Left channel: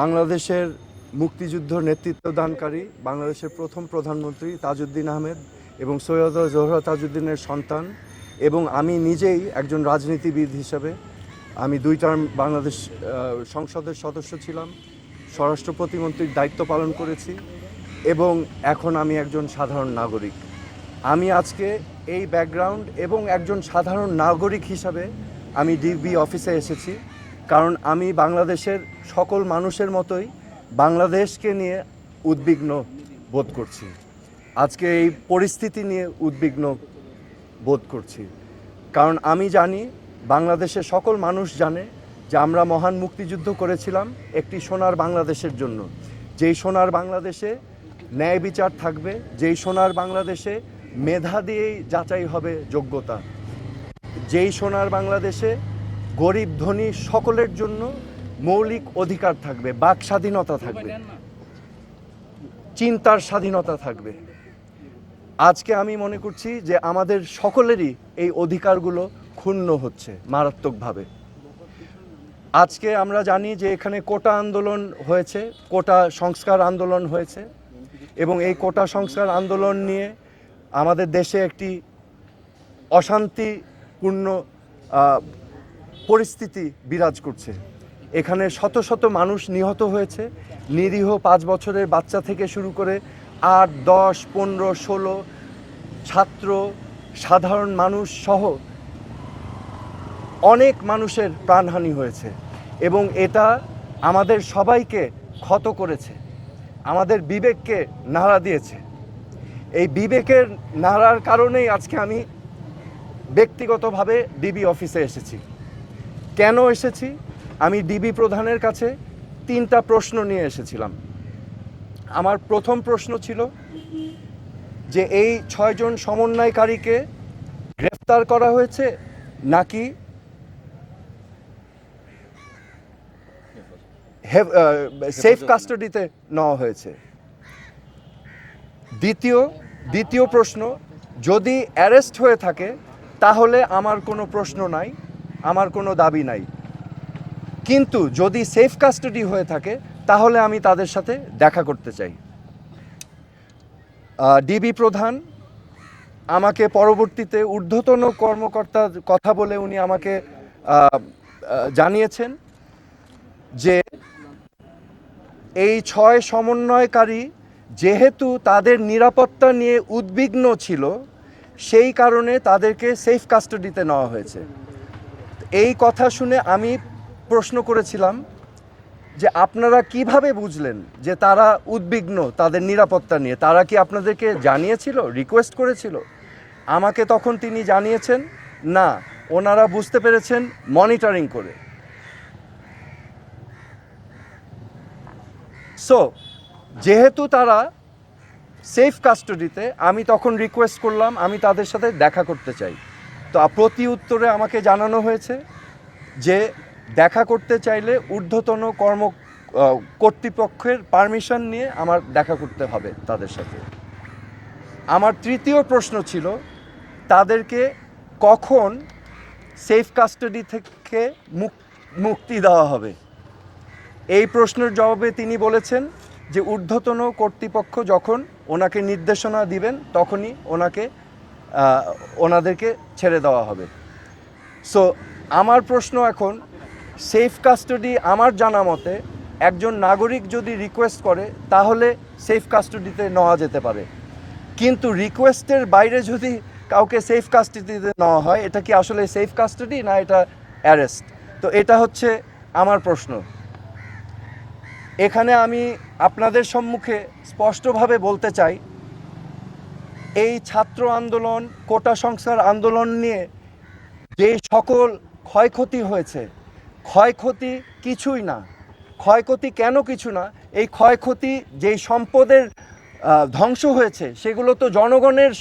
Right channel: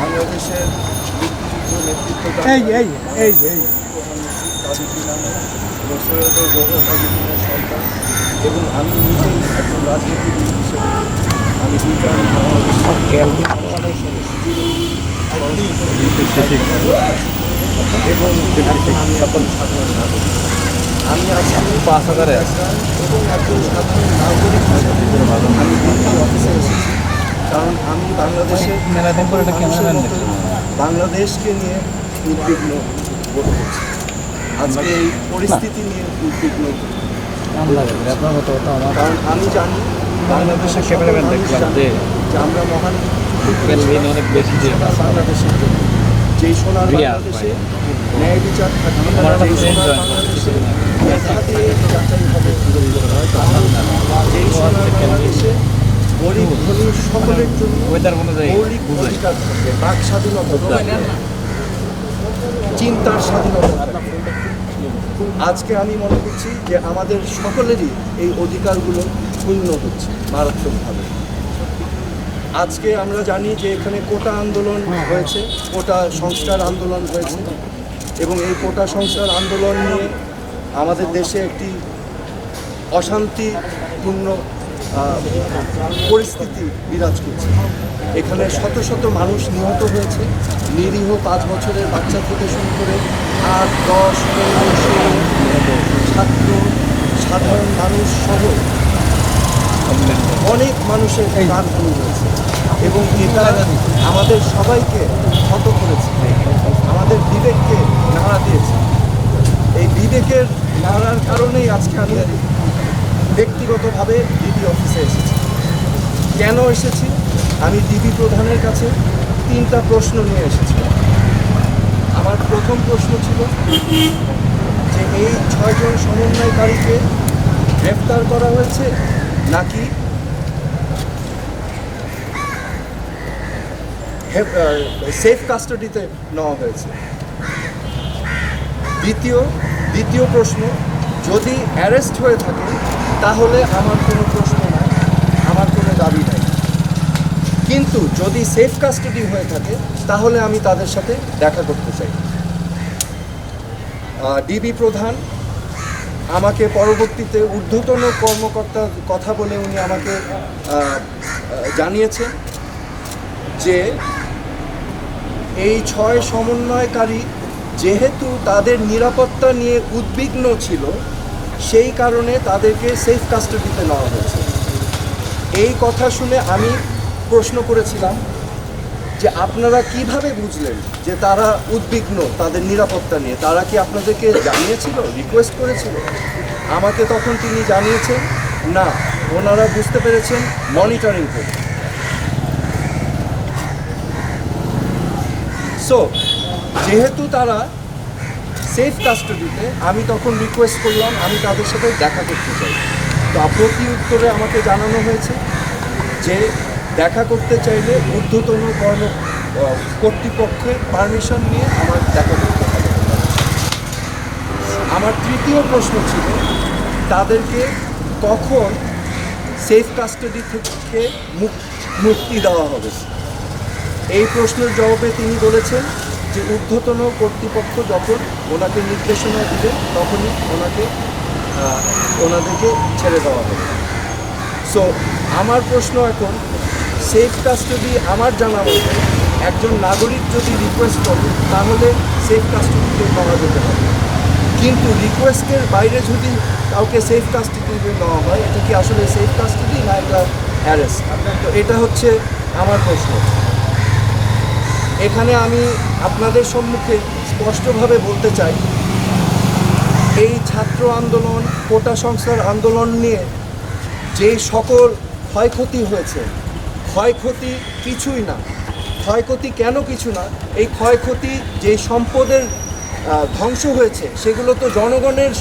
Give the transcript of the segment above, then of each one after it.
বাংলাদেশের মুক্তিযুদ্ধ নেতৃত্বদানকারী বাংলাদেশের প্রথম প্রধানমন্ত্রী তাজউদ্দিন আহমেদ এবং সৈয়দ জোহরা তাজউদ্দিনের সন্তান, এবং আমি নিজেই একজন রাজনীতিবিদ হিসেবে আমি 2 টার্ম বাংলাদেশ সংসদের সদস্য ছিলাম, স্বরাষ্ট্র প্রতিমন্ত্রীর দায়িত্ব পালন করেছি, এবং এখন আমি সাধারণ নাগরিক। আমি আজকে ব্যাকগ্রাউন্ড এবং একজন সাধারণ নাগরিক হিসেবে আমি ডিপি অফিসে এসেছি, কারণ আমি বাংলাদেশের মানুষের মতো বাংলাদেশকে নিয়ে উদ্বিগ্ন বোধ করছি। আজকে এই পরিস্থিতি নিয়ে উদ্বিগ্ন, কারণ আমি জানি বাংলাদেশের সকল মানুষ জানে যে আমরা মহান সোনার বাংলাদেশের জন্য, যেই সোনার বাংলাদেশে ন্যায় বিচার থাকবে, যেই সোনার বাংলাদেশে মেধা দিয়ে যাচাই হবে যোগ্যতা, যেই সোনার বাংলাদেশে গরিব ধনী সকলের জন্য মৌলিক অধিকার থাকবে, বাক স্বাধীনতা থাকবে, চিন্তার স্বাধীনতা থাকবে। আজকে আমি মনে করছি যে আমাদের সকলেরই এই অধিকারগুলো ক্ষুণ্ণ হচ্ছে মারাত্মকভাবে। আজকে আমরা জানি যে এখানে কোটা আন্দোলন হয়েছে, কোটা সংস্কার আন্দোলন হয়েছে, এবং এই কোটা সংস্কার আন্দোলন নিয়ে আমাদের দেশে একটি অশান্তিপূর্ণ পরিস্থিতি বিরাজ করছে। এখানে শত শত মানুষ নিহত হয়েছে, নিরীহ 5 বছরের বাচ্চা থেকে শুরু করে 8, 10, 15, 16 ছাত্র, সাধারণ মানুষ সহ অনেক মানুষের প্রাণহানি হয়েছে, এবং এটা আমাদের সবাইকে ক্ষত করেছে, আমাদের বিবেককে নাড়া দিয়েছে। এই বিবেকের নাড়ার কারণেই আজকে আমি ব্যক্তিগতভাবে ডিবি অফিসে এসেছি। কেন এসেছি? আমি ডিবি প্রধানের কাছে 3টা প্রশ্ন নিয়ে এসেছিলাম। আমার প্রথম প্রশ্ন ছিল যে এই 6 জন সমন্বয়কারীকে গ্রেফতার করা হয়েছে নাকি সেফ কাস্টাডিতে নেওয়া হয়েছে। দ্বিতীয় প্রশ্ন, যদি অ্যারেস্ট হয়ে থাকে তাহলে আমার কোনো প্রশ্ন নাই, আমার কোনো দাবি নাই, কিন্তু যদি সেফ কাস্টাডি হয়ে থাকে তাহলে আমি তাদের সাথে দেখা করতে চাই। ডিবি প্রধান আমাকে পরবর্তীতে ঊর্ধ্বতন কর্মকর্তার কথা বলে উনি আমাকে জানিয়েছেন যে এই 6 সমন্বয়কারী যেহেতু তাদের নিরাপত্তা নিয়ে উদ্বিগ্ন ছিল, সেই কারণে তাদেরকে সেফ কাস্টাডিতে নেওয়া হয়েছে। এই কথা শুনে আমি প্রশ্ন করেছিলাম যে আপনারা কিভাবে বুঝলেন যে তারা উদ্বিগ্ন তাদের নিরাপত্তা নিয়ে? তারা কি আপনাদেরকে জানিয়েছিল, রিকোয়েস্ট করেছিল? আমাকে তখন তিনি জানিয়েছেন না, ওনারা বুঝতে পেরেছেন মনিটরিং করে। সো যেহেতু তারা সেফ কাস্টাডিতে, আমি তখন রিকোয়েস্ট করলাম আমি তাদের সাথে দেখা করতে চাই। তো প্রতি উত্তরে আমাকে জানানো হয়েছে যে দেখা করতে চাইলে ঊর্ধ্বতন কর্তৃপক্ষের পারমিশন নিয়ে আমার দেখা করতে হবে তাদের সাথে। আমার তৃতীয় প্রশ্ন ছিল তাদেরকে কখন সেফ কাস্টাডি থেকে মুক্তি দেওয়া হবে। এই প্রশ্নের জবাবে তিনি বলেছেন যে ঊর্ধ্বতন কর্তৃপক্ষ যখন ওনাকে নির্দেশনা দিবেন তখনই ওনাদেরকে ছেড়ে দেওয়া হবে। সো আমার প্রশ্ন এখন, সেফ কাস্টাডি আমার জানা মতে একজন নাগরিক যদি রিকোয়েস্ট করে তাহলে সেফ কাস্টাডিতে নেওয়া যেতে পারে, কিন্তু রিকোয়েস্টের বাইরে যদি কাউকে সেফ কাস্টাডিতে নেওয়া হয়, এটা কি আসলে সেফ কাস্টাডি না এটা অ্যারেস্ট? তো এটা হচ্ছে আমার প্রশ্ন। এখানে আমি আপনাদের সম্মুখে স্পষ্টভাবে বলতে চাই, এই ছাত্র আন্দোলন, কোটা সংস্কার আন্দোলন নিয়ে যে সকল ক্ষয়ক্ষতি হয়েছে, ক্ষয়ক্ষতি কিছুই না। ক্ষয়ক্ষতি কেন কিছু না? এই ক্ষয়ক্ষতি যেই সম্পদের ধ্বংস হয়েছে সেগুলো তো জনগণের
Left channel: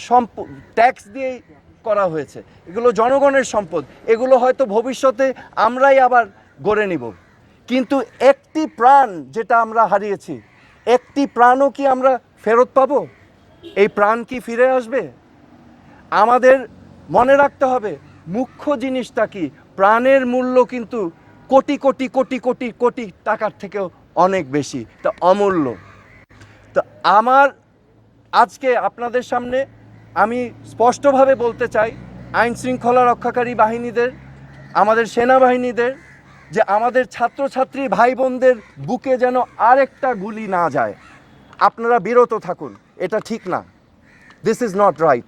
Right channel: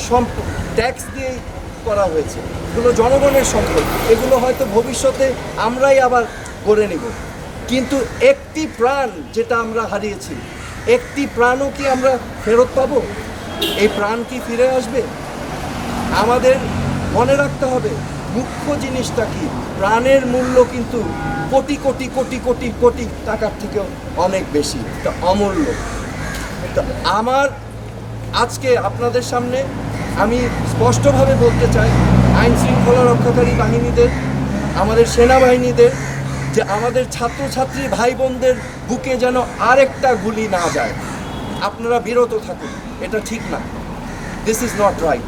ট্যাক্স দিয়েই করা হয়েছে, এগুলো জনগণের সম্পদ, এগুলো হয়তো ভবিষ্যতে আমরাই আবার গড়ে নিব, কিন্তু একটি প্রাণ যেটা আমরা হারিয়েছি, একটি প্রাণও কি আমরা ফেরত পাবো? এই প্রাণ কি ফিরে আসবে? আমাদের মনে রাখতে হবে মুখ্য জিনিসটা কি, প্রাণের মূল্য কিন্তু কোটি কোটি কোটি কোটি কোটি টাকার থেকেও অনেক বেশি, এটা অমূল্য। তো আমার আজকে আপনাদের সামনে আমি স্পষ্টভাবে বলতে চাই, আইন শৃঙ্খলা রক্ষাকারী বাহিনীদের, আমাদের সেনাবাহিনীদের, যে আমাদের ছাত্রছাত্রী ভাই বোনদের বুকে যেন আরেকটা গুলি না যায়। আপনারা বিরত থাকুন, এটা ঠিক না। This is not right.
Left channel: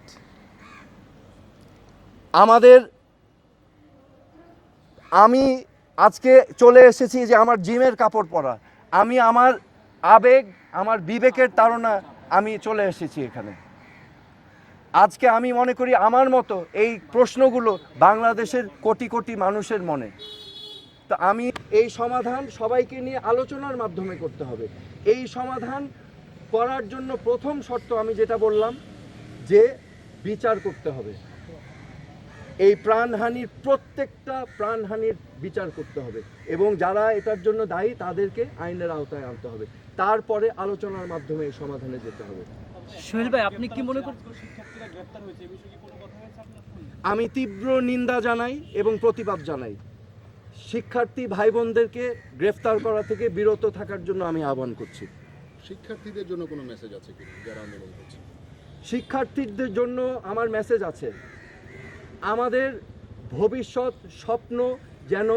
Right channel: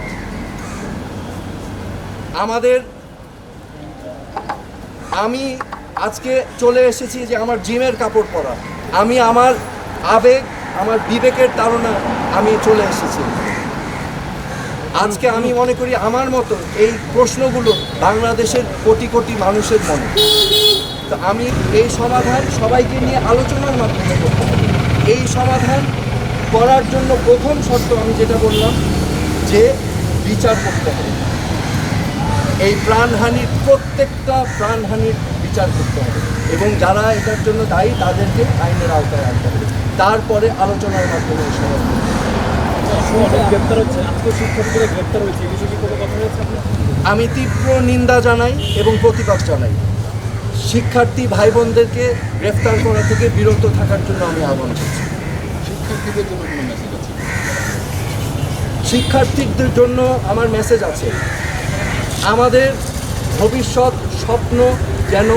আমি আজকে চলে এসেছি যে আমার জিমের কাপড় পরা, আমি আমার আবেগ, আমার বিবেকের তাড়না আমি চলে এসেছি। আজকে আমি মনে করি আমার মতো এই প্রশ্নগুলো বাংলাদেশের কোটি কোটি মানুষের মনে। তা আমি এই সমাধান সবাইকে নিয়ে আলোচনার মাধ্যমে করতে হবে। এই সমাধান করার জন্য প্রথম শর্ত আমি যেটা বললাম, যে বিচার করতে হবে। এই প্রাণহানির, প্রত্যেকটা প্রাণহানির বিচার করতে হবে এবং যারা এটার জন্য দায়ী তাদেরকে আইনের আওতায় আনতে হবে। তারপরে আলোচনার মাধ্যমে এই সমাধান। আমি তীব্র নিন্দা জানাই এবং প্রতিবাদ জানাই। শিক্ষার্থী ভাই বোনদেরকে গ্রেফতার করা থেকে বিরত থাকার জন্য আমি আহ্বান করছি। শিক্ষার্থীদের জন্য আমার মেসেজ আছে, আমাদের ভবিষ্যৎ স্বপ্ন যেন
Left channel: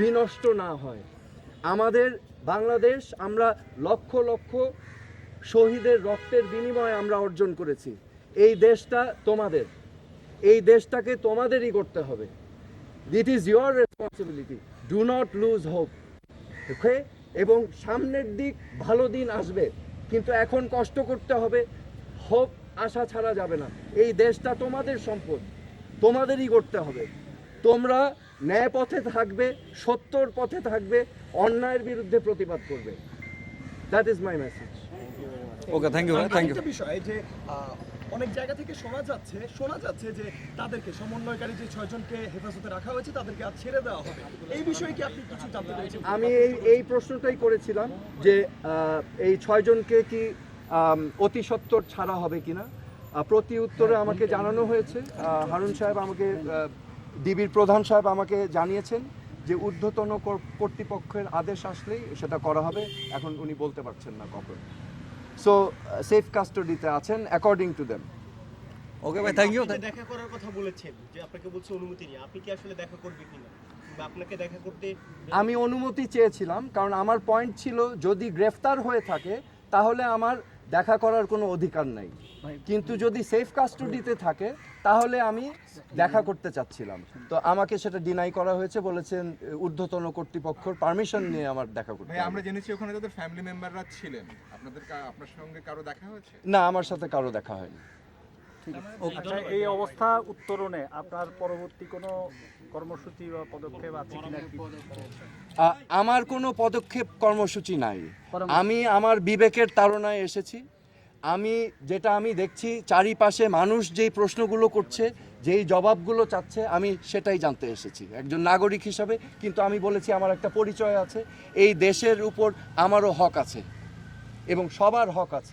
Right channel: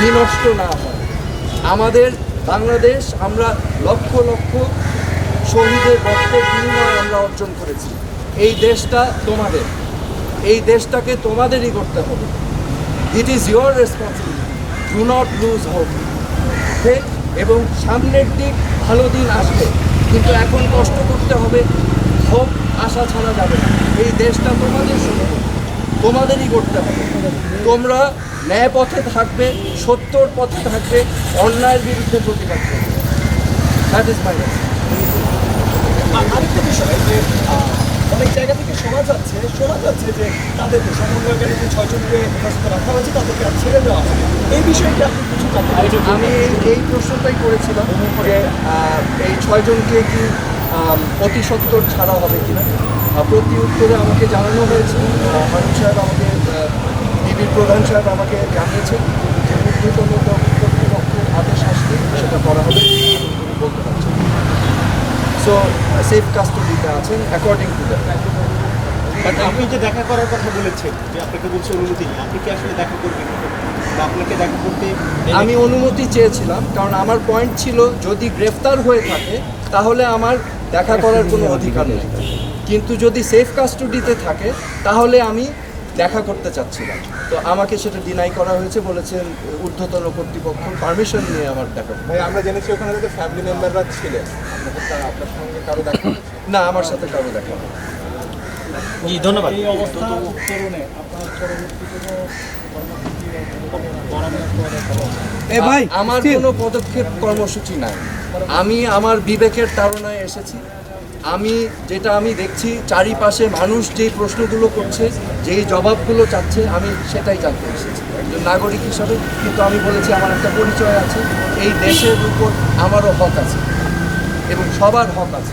বিনষ্ট না হয়। আমাদের বাংলাদেশ আমরা লক্ষ লক্ষ শহীদের রক্তের বিনিময়ে আমরা অর্জন করেছি। এই দেশটা তোমাদের, এই দেশটাকে তোমাদেরই করতে হবে। It is your responsibility, do not lose hope. এবং সামনের দিক ভালো দিন আসবে, কিন্তু এখন কষ্ট করতে হবে, হোপ আশা ছাড়া যাবে না। এই দেশটা তোমাদের সম্পদ, তোমাদেরই করতে হবে। তোমরা ন্যায় পথে থাকবে, সত্যর পথে থাকবে, অন্যায়ের বিরুদ্ধে প্রতিবাদ করবে। That is my message. আরেকটা বিষয় যে অনেক জায়গা থেকে শোনা যাচ্ছে যে তাদেরকে সমন্বয়কারী যে 6 জনকে হেফাজতে রাখা হয়েছে তাদেরকে আর ছেড়ে দেওয়া হবে। এই বিষয়টি আপনি কিছু আমি এই প্রশ্নটাই করেছিলাম যে এই 6 জনকে কি অতি সত্বর ছাড়া হবে কিনা। প্রতি উত্তরে আমাকে জানানো হয়েছে, হারুন সাহেব আমাকে, ডিবির প্রধান সাহেব আমাকে জানিয়েছেন যে ঊর্ধ্বতন কর্তৃপক্ষের আদেশ আসলে সেটা করা হবে। আমি বলতে পারছি। সো সেফ কাস্টোডিতে আছেন অ্যাকর্ডিং টু দ্যাট। আপনি যে দেখা করার কথা বলেছেন, যে আপনাকে বলছে অনুমতি নিয়ে, আপনি কি আসলে দেখা করবেন বা আপনাকে দেখা করতে? আমি অনুমতি চেয়েছিলাম, কারণ আমার পয়েন্ট ছিল যদি গ্রেফতার হয়ে থাকে তাহলে আমার দেখা করার কোনো অধিকার নেই, কিন্তু যদি সেফ কাস্টোডিতে থাকে তাহলে আমি দেখা করতে চাচ্ছিলাম। তো আমাকে সেটা ডিনাই করা হয়েছে, বলেছেন ঊর্ধ্বতন কর্তৃপক্ষ পারমিশন নিয়ে আমার দেখা। আমরা জেনেছি ওখানে যে ফ্যামিলি মেম্বাররা ছিলেন, আপনার সঙ্গে কারো দেখা? না, আমার সাথে কারো দেখা হয়। জি, ধন্যবাদ। এই অবস্থা উত্তরণে আপনার পরবর্তী কোনো আমার কোনো পদক্ষেপ কর্মসূচি নাই। আমি আমার বিবেকের তাড়নায় এসেছি। যেটা আমি দেখছি চারিপাশে মানুষ যেই প্রশ্নগুলো করছে, যেই জবাবগুলো চাচ্ছে, আমি সেটাই জানতে এসেছি একজন নাগরিক হিসাবে। কিন্তু আমি বলেছি আমার একটা পরিচয় আছে, এই দেশের উপর আমারও হক আছে এবং সবার হক আছে।